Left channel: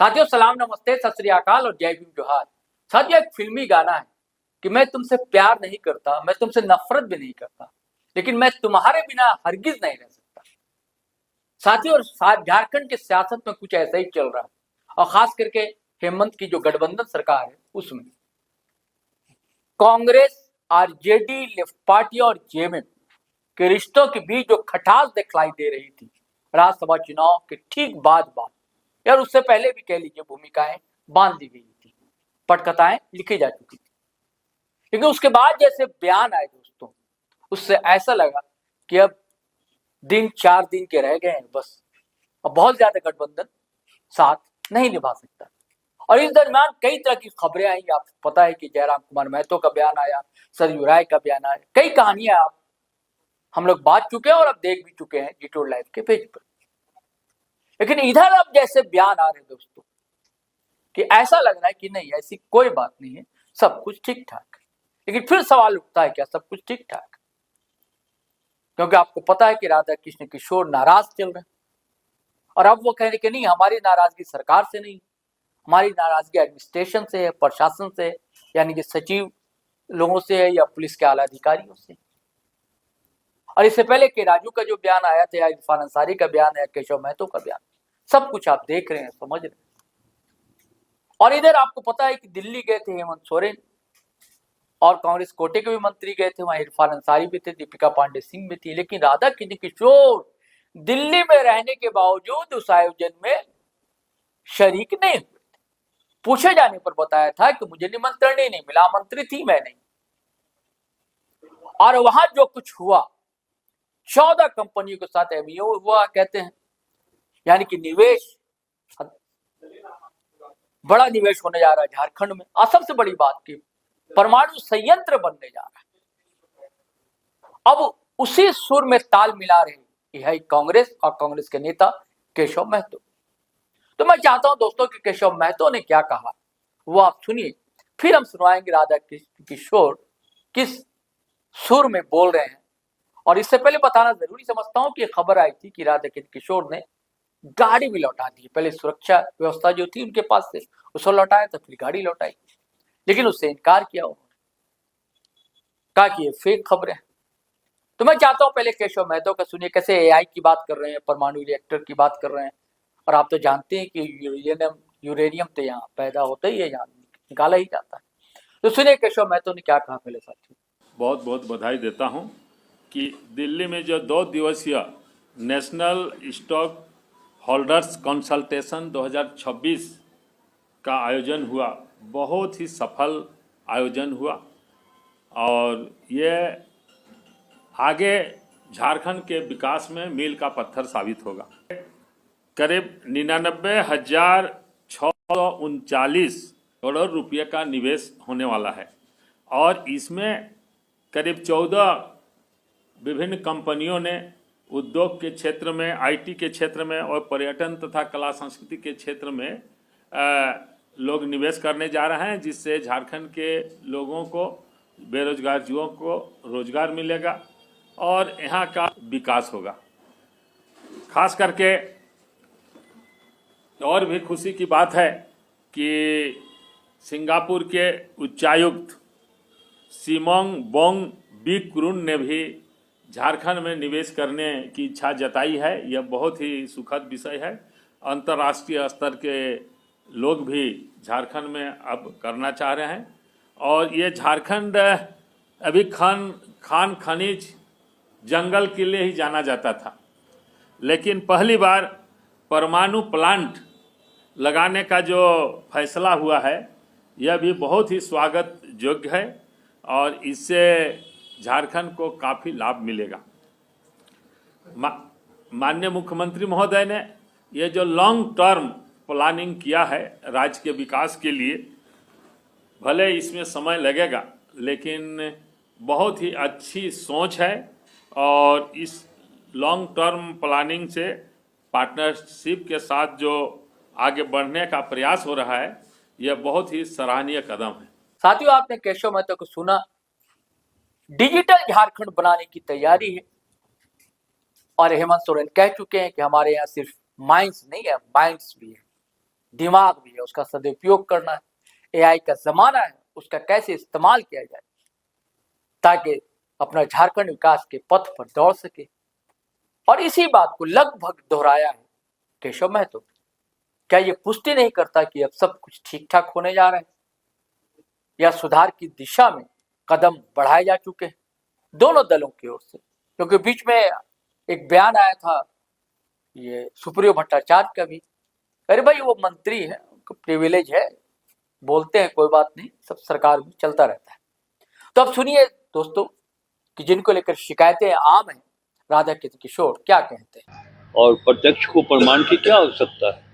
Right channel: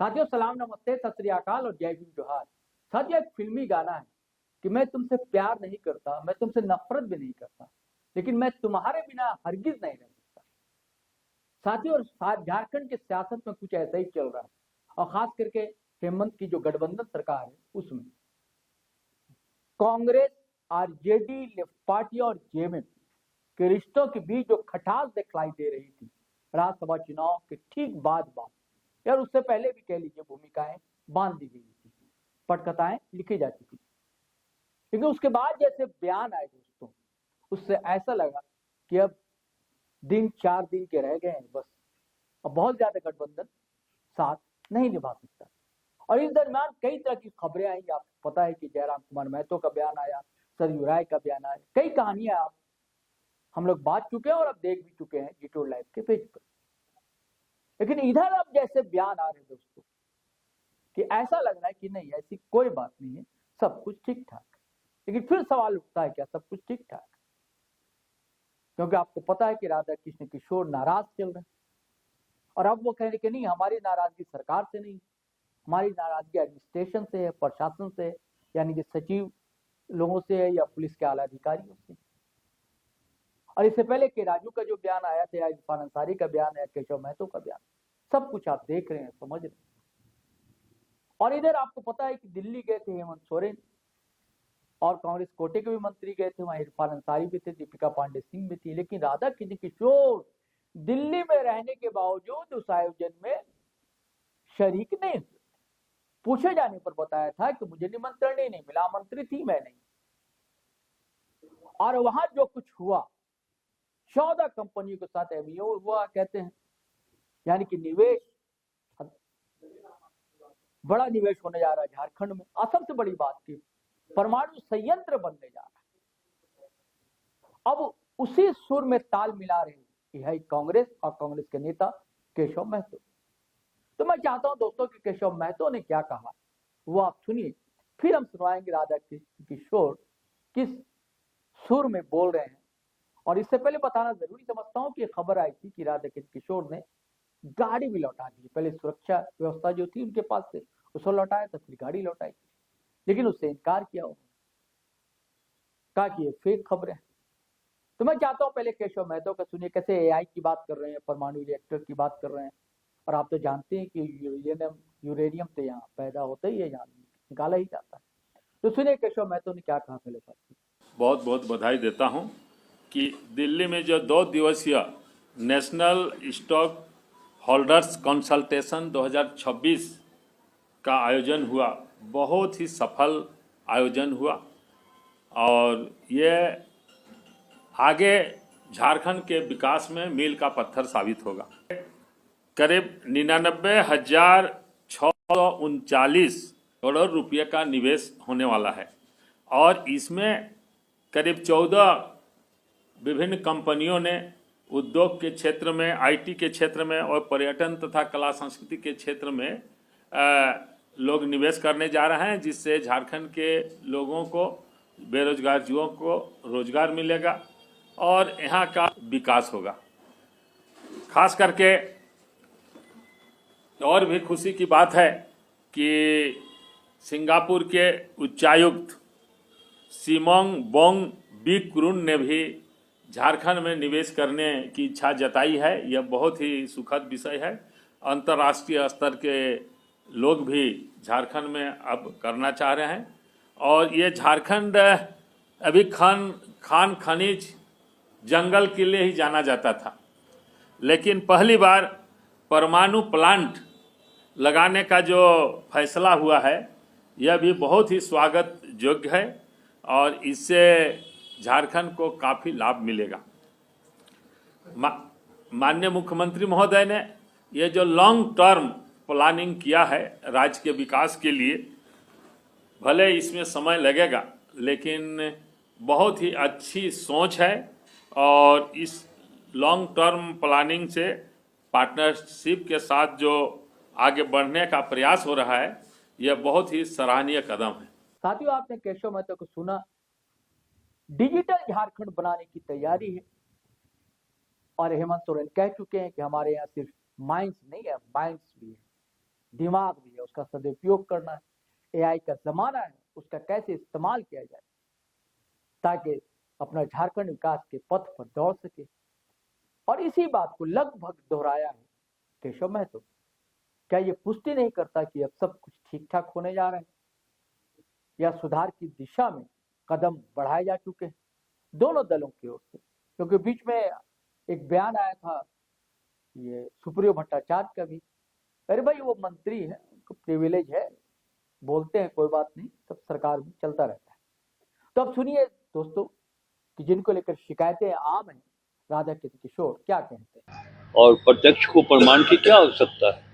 साथियों सलाम नमस्ते सत श्री अकाल और जय भीम जोहार। साथियों एक फिल्मी गाना है कि मैं तुमसे प्यार नहीं करता, मैं तुमसे नफरत भी नहीं करता, लेकिन मैं तुम्हारे बिना हरगिज नहीं रह सकता। साथियों और झारखंड के सियासत में कुछ ऐसा ही चल रहा है और खास करके हेमंत की जो गठबंधन सरकार है उसमें कांग्रेस, आरजेडी, लेफ्ट पार्टी और जेएमएम के रिश्तों के बीच जो खटास दिखलाई दे रही थी राज्यसभा चुनाव के ठीक बाद यार उससे पहले भी कह लीजिए भूमिकाएं बांध दी गई थी, पटकथाएं लिखी जा चुकी थी, लेकिन उसके बाद जैसे बयान आए दोस्तों, उससे ऐसा लगा कि अब दिन 4 दिन के रह गए हैं बस, अब बहुत ज्यादा गठबंधन साथ नहीं निभा सकता। और इस दरमियान कई तरह की खबरें आई, आपको पता है कि जयराम कुमार महतो का बयान आया, सरयू राय का बयान आया, कई कहानियां आप हम लोग बांट चुके हैं और अब देख भी चुके हैं डिटोल लाइव के पेज पर। लेकिन इधर अब जैसे बयान आ रहे हैं दोस्तों कि ऐसा लग रहा है कि नहीं ऐसी कोई बात नहीं है, सब कुछ ठीक ठाक है। लेकिन फिर सवाल उठता है क्या सब कुछ ठीक ठाक है? क्योंकि आपको पता है कि राधा कृष्ण किशोर नाराज चल रहे हैं और अब वो कह रहे कि नहीं हमारी नाराजगी सरकार से नहीं, हमारी नाराजगी एडमिनिस्ट्रेशन से है, प्रशासन से, यानी कि सचिव लोगों से है या पुलिस के आला अधिकारियों से। और इससे पहले के राजू का जो बयान आया था या इरफान अंसारी का बयान है, केशव महतो का बयान, सब कुछ आप देख रहे हैं, समझ रहे हैं। और इधर आपको पता है कि दिल्ली गए थे हेमंत सोरेन और कांग्रेस कोटे के भी मंत्री गए थे, वहां इरफान अंसारी भी थे, दीपिका पांडे सिंह भी थी, लेकिन राधा कृष्ण किशोर दिल्ली में रहने के बावजूद उस आयोजन में शरीक नहीं हुए। पूछे जाने पर बताया था कि मुझे निमंत्रण ही नहीं मिला, आमंत्रित ही मैं नहीं। और वहां जो कुछ हुआ 14 कंपनियों के साथ एमओयू हुआ कहते हैं, यानी कि निवेश, बड़ा निवेश होने जा रहा है झारखंड में। और सबसे बड़ी बात की परमाणु संयंत्र बनने जा रहा है। अब उसी सुर में ताल मिला रहे है कांग्रेस और कांग्रेस के नेता केशव महतो। तो मैं चाहता हूं दोस्तों कि केशव महतो ने क्या कहा वो आप सुनिए, फिर हम सुनवाएंगे राधा किशोर किस सुर में बोल रहे हैं। और इससे पहले बताना जरूरी समझता हूं कि खबर आई थी कि राधा किशोर ने गाड़ी भी लौटा दी। पहले सुरक्षा व्यवस्था जो थी उनके पास से उसको लौटाया तो फिर गाड़ी लौटाई, लेकिन उससे इनकार किया उन्होंने, कहा कि ये फेक खबरें। तो मैं चाहता हूं पहले केशव महतो का सुनिए, कैसे एआई की बात कर रहे हैं, परमाणु रिएक्टर की बात कर रहे हैं, और आप तो जानते हैं कि यूरेनियम तो यहाँ पैदा होता ही है, यहाँ निकाला ही जाता है। तो सुनिए केशव महतो ने क्या कहा पहले साथियों। बहुत बहुत बधाई देता हूं कि दिल्ली में जो 2 दिवसीय नेशनल स्टॉक होल्डर्स कंसल्टेशन 2026 का आयोजन हुआ, बहुत ही सफल आयोजन हुआ और ये आगे झारखंड के विकास में मील का पत्थर साबित होगा। करीब 99,639 करोड़ रुपये का निवेश होने वाला है और इसमें करीब 14 विभिन्न कंपनियों ने उद्योग के क्षेत्र में, आईटी के क्षेत्र में और पर्यटन तथा कला संस्कृति के क्षेत्र में लोग निवेश करने जा रहे हैं, जिससे झारखंड के लोगों को, बेरोजगार युवाओं को रोजगार मिलेगा और यहाँ का विकास होगा। खास करके और भी खुशी की बात है कि सिंगापुर के उच्चायुक्त सिमोंग बोंग बिकुरुन ने भी झारखंड में निवेश करने की इच्छा जताई है। यह बहुत ही सुखद विषय है। अंतर्राष्ट्रीय स्तर के लोग भी झारखंड में अब करना चाह रहे हैं और ये झारखंड अभी खान खनिज जंगल के लिए ही जाना जाता था, लेकिन पहली बार परमाणु प्लांट लगाने का जो फैसला हुआ है यह भी बहुत ही स्वागत योग्य है और इससे झारखंड को काफ़ी लाभ मिलेगा। माननीय मुख्यमंत्री महोदय ने ये जो लॉन्ग टर्म प्लानिंग किया है राज्य के विकास के लिए, भले इसमें समय लगेगा लेकिन बहुत ही अच्छी सोच है और इस लॉन्ग टर्म प्लानिंग से पार्टनरशिप के साथ जो आगे बढ़ने का प्रयास हो रहा है यह बहुत ही सराहनीय कदम है। साथियों आपने केशव महतो को सुना, डिजिटल झारखंड बनाने की तैयारी है और हेमंत सोरेन कह चुके हैं कि हमारे यहाँ सिर्फ माइंस नहीं है, माइंड्स भी है। दिमाग भी है, उसका सदुपयोग करना है। एआई का जमाना है, उसका कैसे इस्तेमाल किया जाए ताकि अपना झारखंड विकास के पथ पर दौड़ सके। और इसी बात को लगभग दोहराया है केशव महतो। क्या ये पुष्टि नहीं करता कि अब सब कुछ ठीक ठाक होने जा रहा है या सुधार की दिशा में कदम बढ़ाए जा चुके हैं दोनों दलों की ओर से? क्योंकि बीच में एक बयान आया था ये सुप्रियो भट्टाचार्य का भी, अरे भाई वो मंत्री है, उनको प्रिविलेज है, बोलते हैं, कोई बात नहीं, सब सरकार में चलता रहता है। तो अब सुनिए दोस्तों कि जिनको लेकर शिकायतें आम हैं, राधा किशोर क्या कहते हैं। और प्रत्यक्ष को प्रमाण की क्या आवश्यकता है?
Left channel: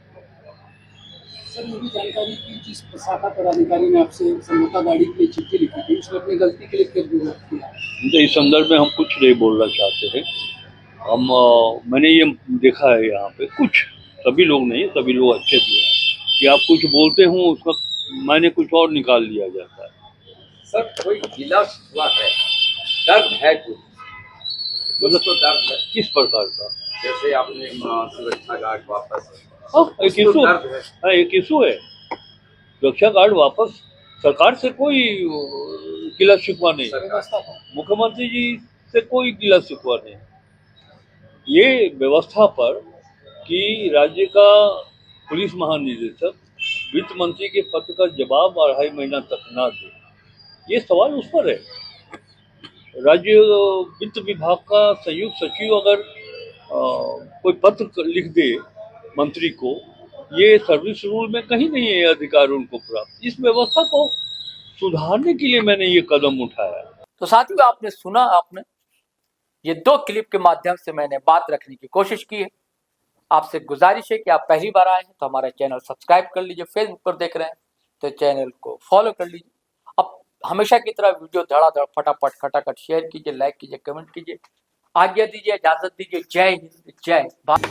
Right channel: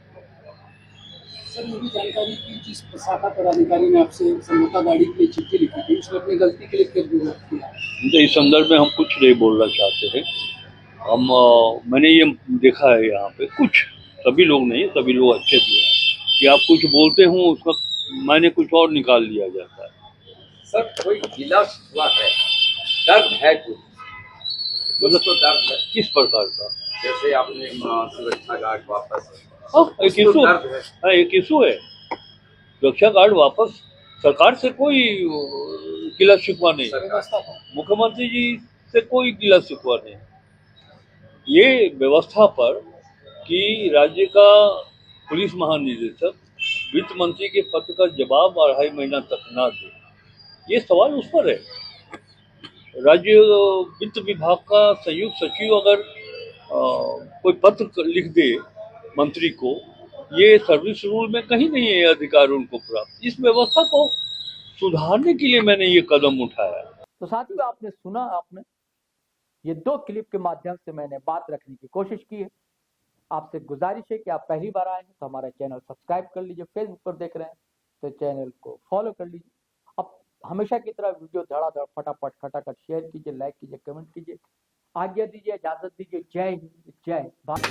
सर, ये भी जानकारी की जिस शाखा पदाधिकारी ने आपसे समझौता गाड़ी के लिए चिट्ठी लिखी थी, उसने अपनी गलती के लिए क्या विरोध किया? तो इस संदर्भ में हम कुछ नहीं बोलना चाहते हैं। मैंने ये देखा है यहाँ पे कुछ, सभी लोग नहीं, सभी लोग अच्छे भी हैं, कि आप कुछ बोलते हो उसका मैंने कुछ और निकाल लिया जाता है। सर, कोई गिला हुआ है, दर्द है कुछ, मतलब तो दर्द है, किस प्रकार का? जैसे आपने सुरक्षा गार्ड वापस, एक इशू है, एक इशू है। सुरक्षा गार्ड वापस, सरकार से कोई गिला शिकवा नहीं, मुख्यमंत्री जी से कोई गिला शिकवा नहीं। ये व्यवस्था पर कि राज्य का पुलिस महानिदेशक वित्त मंत्री के पत्र का जवाब 2.5 महीना तक ना दे, ये सवाल उस पर है। राज्य वित्त विभाग का संयुक्त सचिव अगर कोई पत्र लिख दे मंत्री को, ये सर्विस रूल में कहीं नहीं है अधिकार उनको प्राप्त। इस व्यवस्था को सुधारने के लिए मैंने ये कदम उठाया। तो साथियों, आपने सुना, आपने ये 2 क्लिप के माध्यम से मैंने बात रखने की कोशिश की है। आपसे गुजारिश है कि आप पहली बार आए हैं तो हमारा चैनल सब्सक्राइब कर लीजिए, फेसबुक पर देख रहे हैं तो चैनल को फॉलो कर लीजिए। अब हमेशा की तरह वीडियो धड़ाधड़ फटाफट खटाखट शेयर कीजिए, लाइक कीजिए, कमेंट कीजिए। आज्ञा दीजिए, इजाजत दीजिए। जय हिंद, जय भारत।